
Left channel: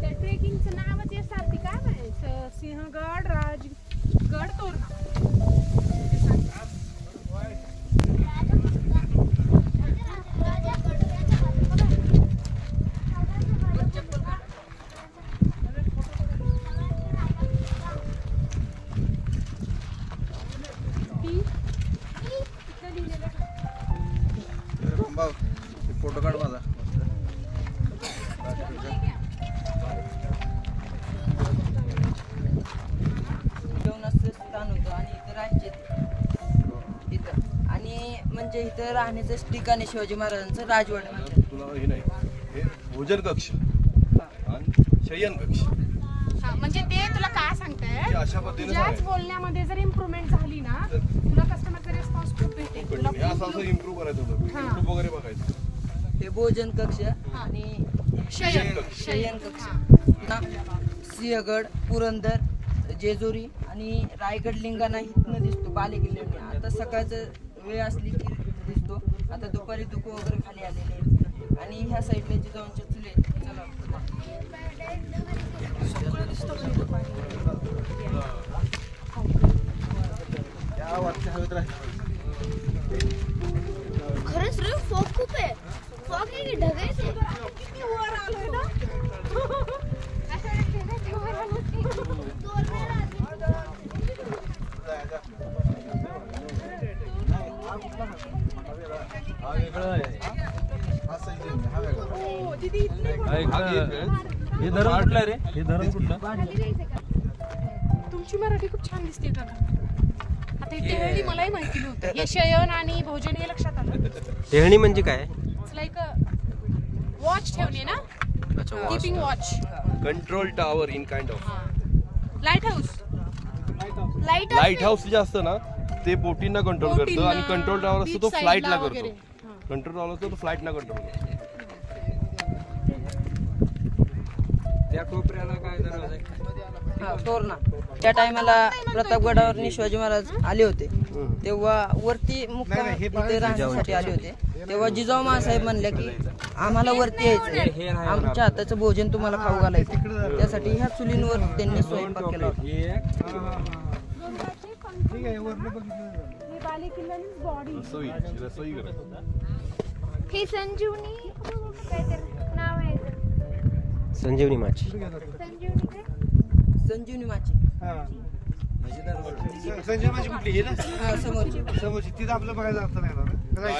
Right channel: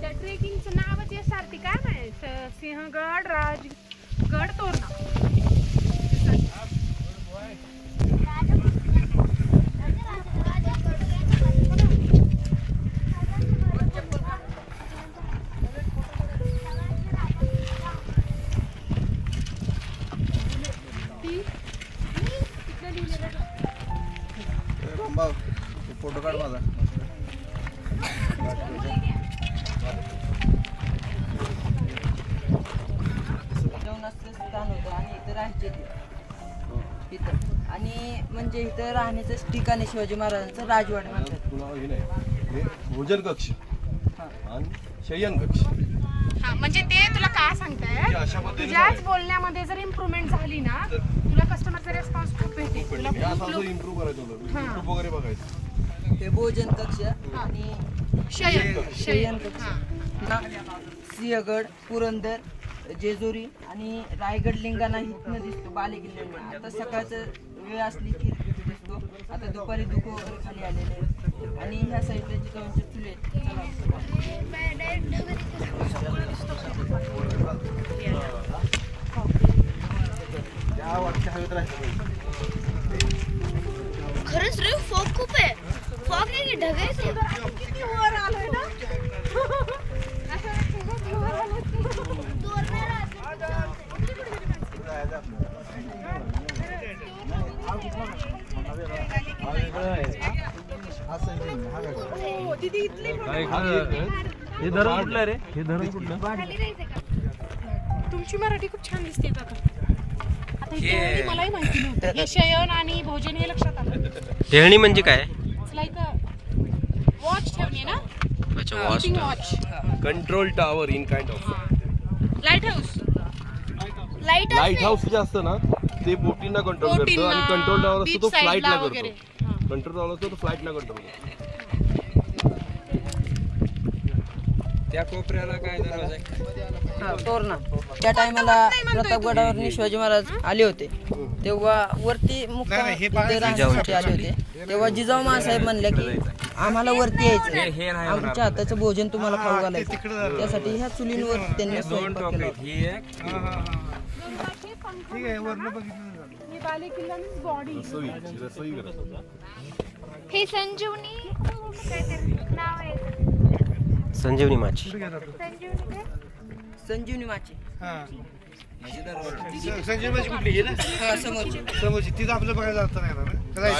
त्या ट्रेकिंगचं नावच यासारखी काय नाही, सिंहगड, राजगड, तोरणा. फोटो काढ माझा. जेवणाचं स्थान होतं आणि इथं राज्य इथं. आणि म्हणजे इथं राहण्याचं ठिकाण आहे शिवाजी महाराजांचं राजवाडा म्हणतात. तुला हे नाही, हे भोजन कक्ष आणि शयन कक्ष. हा, म्हणजे ते तुला काय सांगताय, अशा पद्धतीने तुझ्याच बोलण्यामध्ये जर इम्प्रूव्हमेंट झाली ना, तुला कस्टमरचा रिस्पॉन्स खूप भेटेल. तुला हे असं इम्प्रूव्ह करायचं होतं. युट्यूब वगैरे बघायचं. हे भोजन कक्ष आणि शयन कक्ष. सिंहगड, पुरंदर, जेजुरी आणि रायगड लिंगाणा इथनं दिसतो बालेकिल्ल्याने. आता सकाळचं वेळ असली की इथं दिसतो. आता दुपारी धुकं वगैरे खाली आलेले आहे. आणि ह्या साईडला जिजाऊंचे चुले खरंच रे फॉग खूप आहे. फॉग नाही ढगायचे. तुमची मराठी खूप छान दिसते काका. आता हे मलाही माहिती नव्हतं. हे शयन आणि भोजन हे लक्षात आलं. टेहळणी म्हणजे काय? लाईक वॉच ठेवणे ना. अच्छा, watch. Control tower in kind of light house. Light house जे असतं ना ते बोटींना कंट्रोल करतं आणि कंट्रोल टावर असतो तो फ्लाईटला करतो. कंट्रोल टावर असतो तो फ्लाईटला कंट्रोल करतो. त्या कोपऱ्याला काय तोरणा. त्या टायमाला प्रतापगडावर शिवाजी महाराज आले होते तेव्हा वरती मुक्काम राहण्यासाठी आले होते. तेव्हा जिजाऊ महासाहेब म्हणले की आम्हाला वरती यायचं, आमच्या हाताचं भोजन तुम्हाला खाऊ घालायचं. त्यासाठी ह्या चुलींवर त्यांनी स्वयंपाक केला होता. हे संजीवनी काहीतरी नाव आहे. संजीवनी माची. संजीवनी माची. संजीवनी कुठली हे ना समोरची तिथं आपलं बघायला जातं नाही.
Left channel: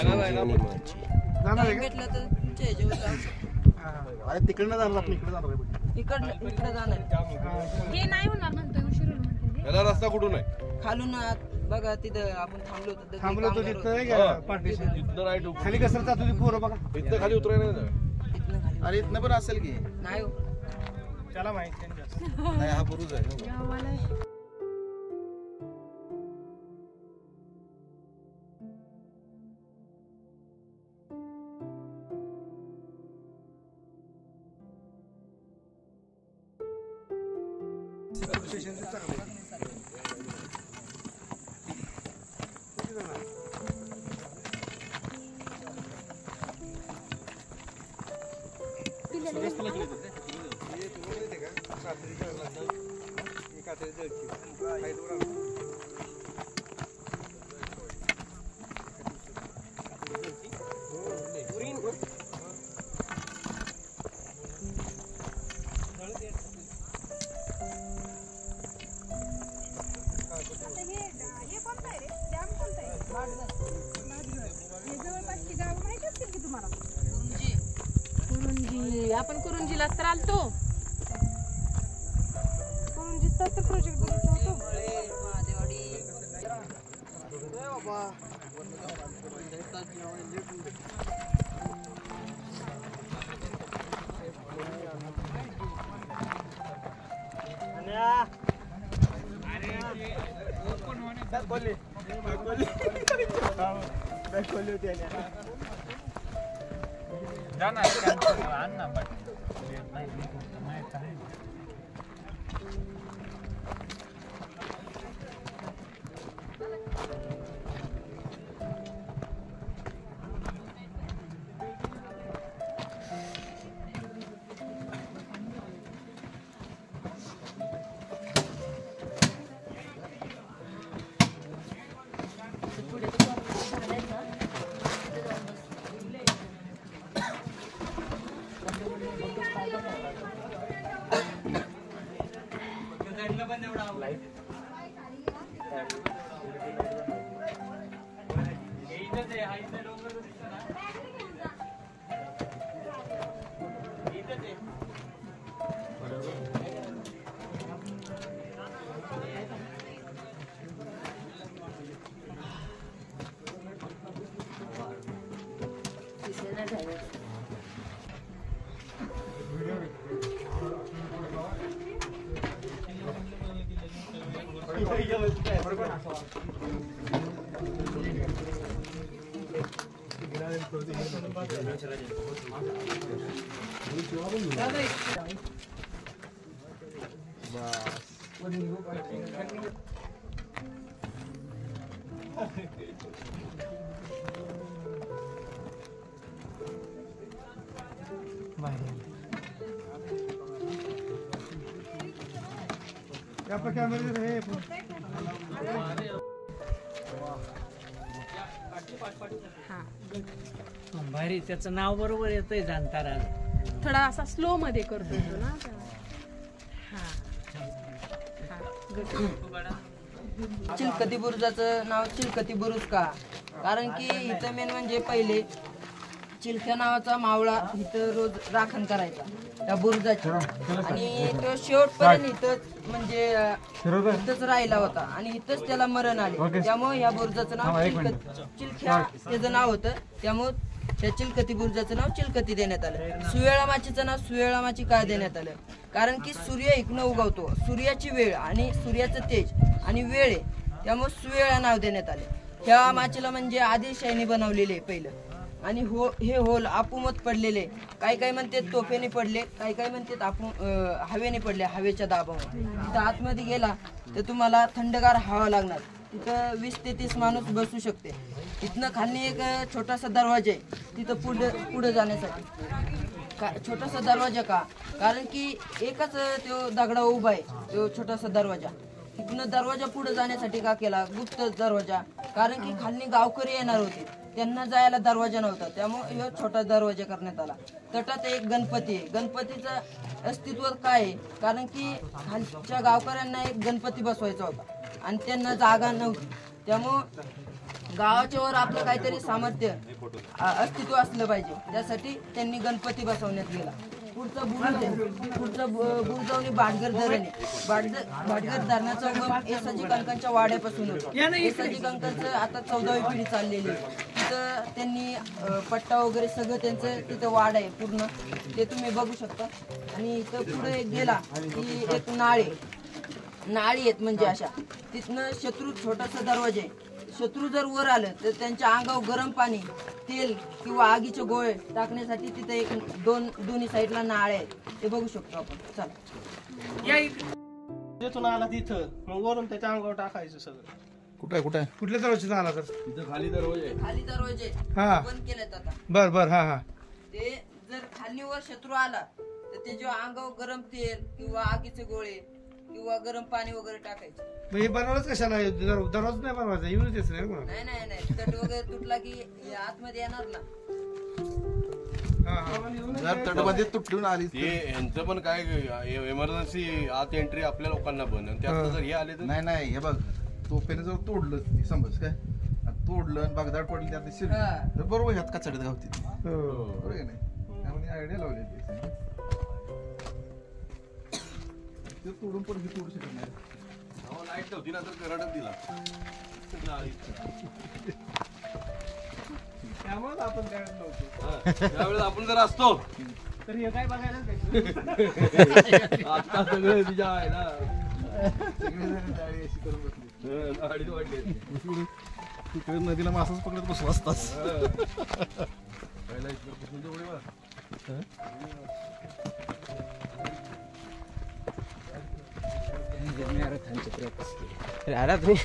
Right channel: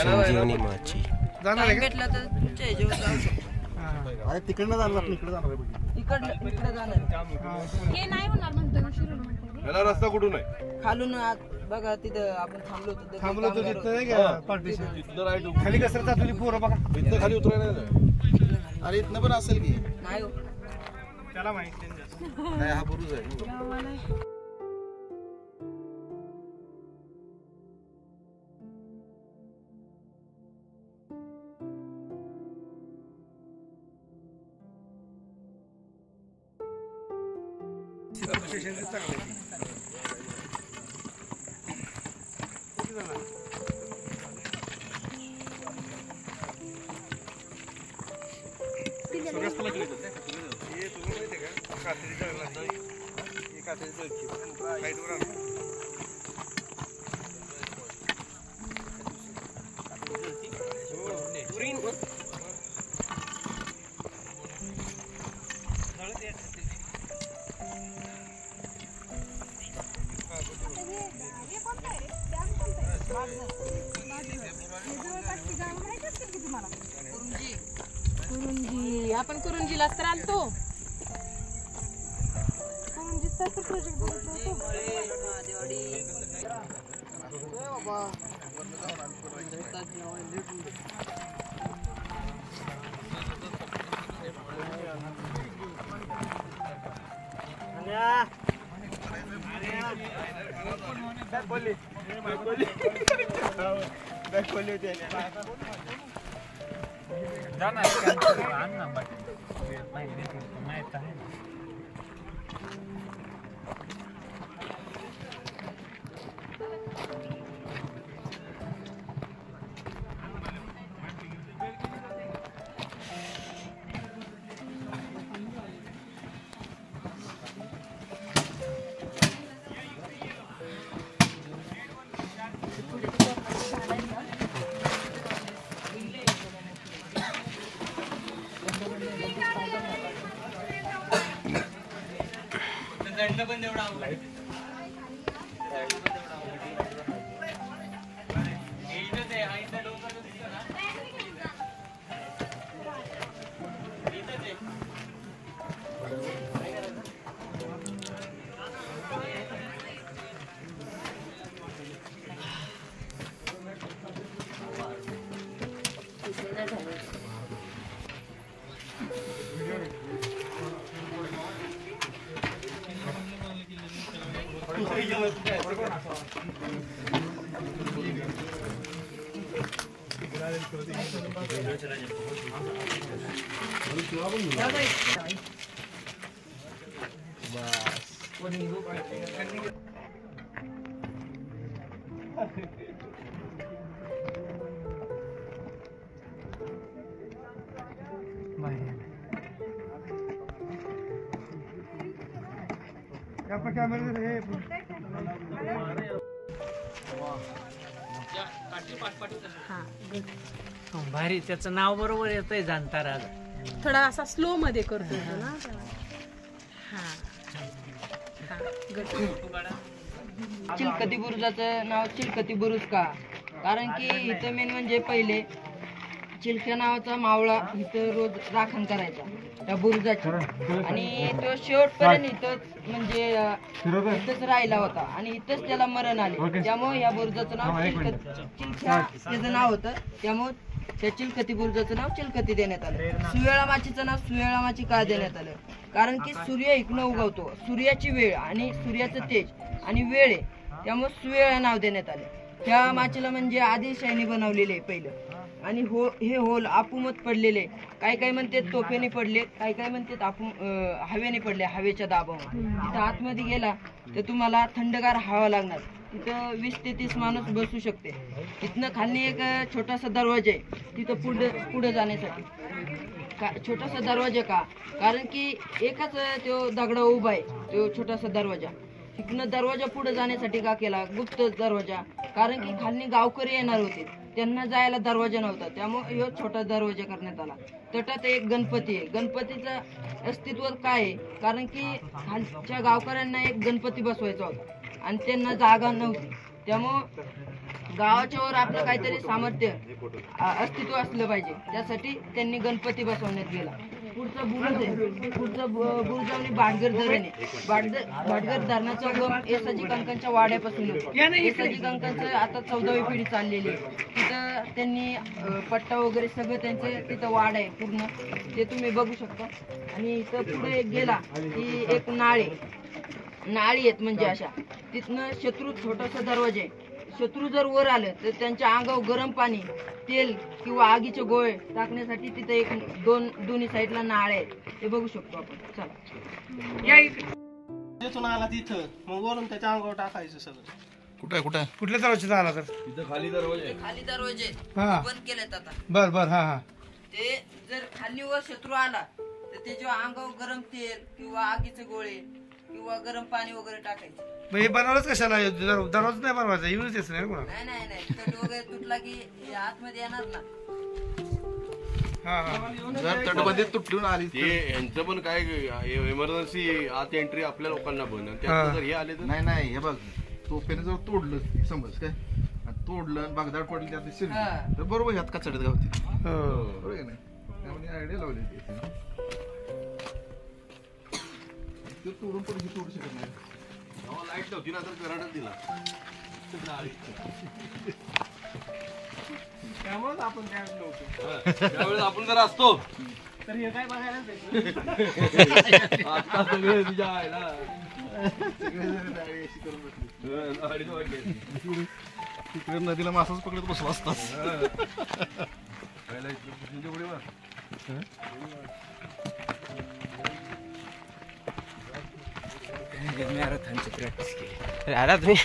संजीवनी माची भेटला तर तुमच्या ह्याच्यावर जाऊ शकतो. अरे तिकडनं जाणार आपण इकडे जाणार. इकडे जाणार. हे नाही होणार म्हणतोय शिरोळ म्हणतोय. याला रस्ता कुठून आहे? खालून आत बघा तिथं आपण थांबलो होतो तिथं नाही का पार्टीशन इथनं राईट खाली कसं जातो ती पोरं बघा. इथनं खाली उतरायला नाही. अरे इथनं पण असेल की नाही हो. त्याला माहिती नाही, हा बुरुज आहे. कुरुंजी. आपण कुरुंजीला तर आलतो. कुरुंजीचा तर प्रोजेक्ट बघत होतो. भारी, त्याचं नाव बरोबर येतंय जाणतारा. थोडा असा स्लो मध्ये करतो ना. चिलकती बुरुजाचं नाव चिलकती बुरुज का? कारण की इथं मेन म्हणजे पहिले चिलख्या नावाचा मावळा इथं रोज राखण करायचा त्या बुरुजाची, आणि तो शेवटपर्यंत इथंच म्हणजे इथंच राहिला होता आणि इथंच त्याला मरण आले. त्यामुळे या बुरुजाचं नाव चिलख्या त्याचं नाव होतं, त्यामुळे त्या चिलकती बुरुजाचं नाव चिलकती देण्यात आलं. सुवेळा माचीचं नाव सुवेळा माची का देण्यात आलं? कारण की सूर्य इकडनं उगवतो, सूर्याची वेळ आणि सूर्याचं तेज आणि वेळ आहे, त्यामुळे सुवेळा नाव देण्यात आले. ह्या माचीला म्हणजे आदिलशाहीने बनवलेले पहिलं, आणि हे होल आपुमत पडलेले, काही म्हणतात तोफेने पडले, काही म्हणतात हवेने पडले, हवेच्या दाबावर. तिथं आतमध्ये गेला तर तुम्हाला थंडगार हवा लागणार. तिथं 20 ते 30 माणूस बसू शकते. तिथनं खाली एक छोटासा दरवाजा आहे तिथं पुढे जाण्यासाठी. छोटासा दरवाजा का? कारण की एकच तो दगडा उभा आहे, तो छोटासा दरवाजा. तिथनं दरवाजा पुढे जाण्यासाठी का केला गुप्त दरवाजा? कारण की खाली गावकरी येणार होते, त्यांना जायला दरवाजा नव्हता, त्यामुळे हे छोटा दरवाजा करण्यात आला. तटात एक गणपती आहे. गणपतीचं अस्तित्व काय आहे? कारण की खालच्या गावकऱ्यांना एक गणपती बसवायचा होता आणि त्यांना जागा नव्हती, त्यामुळं गावाच्या वर आपलं काहीतरी सामर्थ्य अस्तित्व असलं पाहिजे, त्यासाठी त्यांनी गणपती बसवण्यात गेला. पुढचं बुरुज आहे, पुढचं बुरुजावणी भाटघर धरण आहे. भाटघर धरणाचा उगम येसाजी कंकांच्या वाड्यापासून होतो. येसाजी कंकांचं आता 14वी पिढी चाललेली आहे. तिथं त्यांनी पट्टा वगैरे सगळं त्यांचं तिथं वाड आहे पूर्ण, ते तुम्ही बघू शकता. आणि इथं पुढे गेला की एक नाळी आहेत म्हणजे अशा, तिथनं शत्रू छोटासा दरवाजा आहे. शत्रू जर वर आलं तर त्यांच्या अंगावर गरम पाणी, तेल किंवा आगीचे गोळे टाकण्यासाठी तिथं एक दोन्ही साईडला नाळे आहेत, ते बघू शकतो आपण. चला तिथून आला तिथं मग वरून त्याच्या अंगावर टाकायचं सगळं. कुठं कुठल्या दरवाजा झाला तर तिथं खाली दरवाजा आहे. खाली दरवाजे हा. बंद केलेत आता. बर हा. ते जर खाली वर शत्रू आला तर त्याच्या अंगावर गरम तेल किंवा आगीचे गोळे किंवा गरम पाणी वगैरे टाकायचं. मग हे बनवलंच कशाला? दरवाजा नाही बनवायचा, युजच नाही ना. नाही तट वगैरे तुटला की आतमध्ये येणार ना. जर तटबंदी तुटून आली ते यांचं पण काय इमर्जन्सी आत एंट्री आपल्या लोकांना बंद, आणि त्यात जर हे आले तर नाही हे बघ, तोफेने जर तोडलं समज काय, तोडलं बागदाड पडली त्यात शिरली तर बरोबर ह्यात कचड्यात गावती. बरोबर आहे नाही, त्यामुळे आयडिया लावली ते तोडून पण हे तोडू शकत नाही. लाईट नव्हती ना तर करंटच दिला. त्यामुळे आपण त्यावेळेस नव्हतो. त्यावेळेस आपण जर असतो तर हे काय बघायला आता सगळे तुझ्या आईला अशी करून बसली तिकडे नदीला मासाच पकडत बसू असतात. आला तुम्ही